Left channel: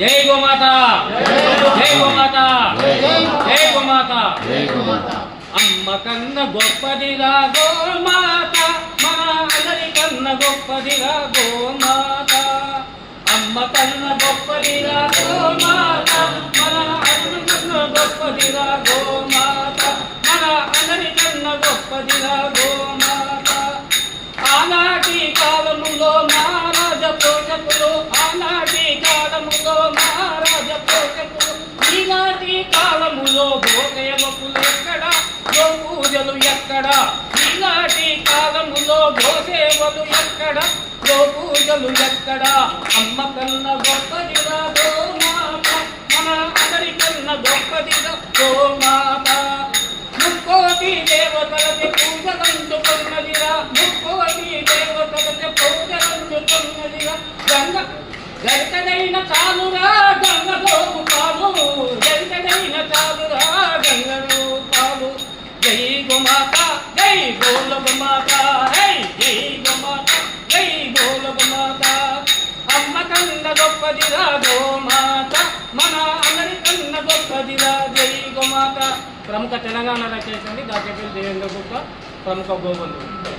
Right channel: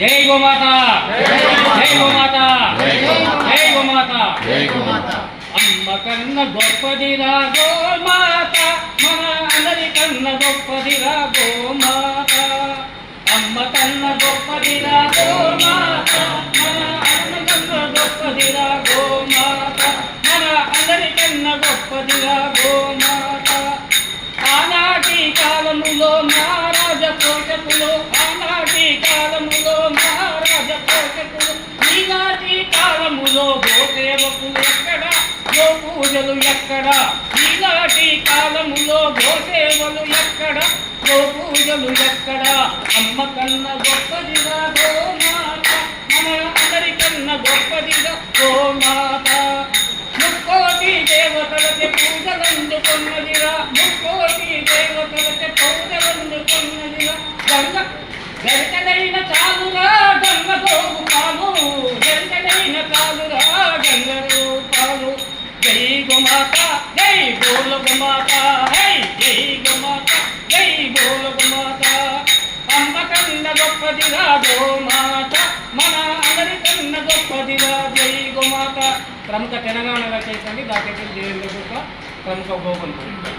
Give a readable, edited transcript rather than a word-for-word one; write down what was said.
జై గోమాత, జై గోమాత, జై గోమాత, జై గోమాత. అమ్మ కన్న గొప్పదిరా గోమాత, మన అందరి కన్న గొప్పదిరా గోమాత. అమ్మ కన్న గొప్పదిరా గోమాత, మన అన్న కన్న గొప్పదిరా గోమాత. మన అందరి కన్న గొప్పదిరా గోమాత. ఆనాటి కాలములో మహారాజ పోషకులు, ఆనాటి కాలములో మహారాజ పోషకులు, ఈనాటి కాలములో గోసేవకులు ఎక్కడ, గో పూజలు ఎక్కడ. ఈనాటి కాలములో గోసేవలు ఎక్కడ, గో పూజలు ఎక్కడ. అమ్మ కన్న గొప్పదిరా గోమాత, మన అందరికన్న గొప్పదిరా గోమాత. ముక్కోటి దేవతలకి పూజలందుకున్నదిరా, ముక్కోటి దేవతలకి పూజలందుకున్నదిరా. గంగ గరికడైన చాలురా గంగలోపు పాలు, గరికడైన చాలురా గంగలో పాలు. జై గోమాత, జై బోల గోమాత, హై జై గోమాత, జై బోల గోమాత. అమ్మ కన్న గొప్పదిరా గోమాత, మన అందరి కన్న గొప్పదిరా జై గోమాత. ప్రముఖ తెలంగాణ రచయిత గాజేపల్లి దేవేంద్ర గొప్ప, ప్రముఖ గోపంతుడు.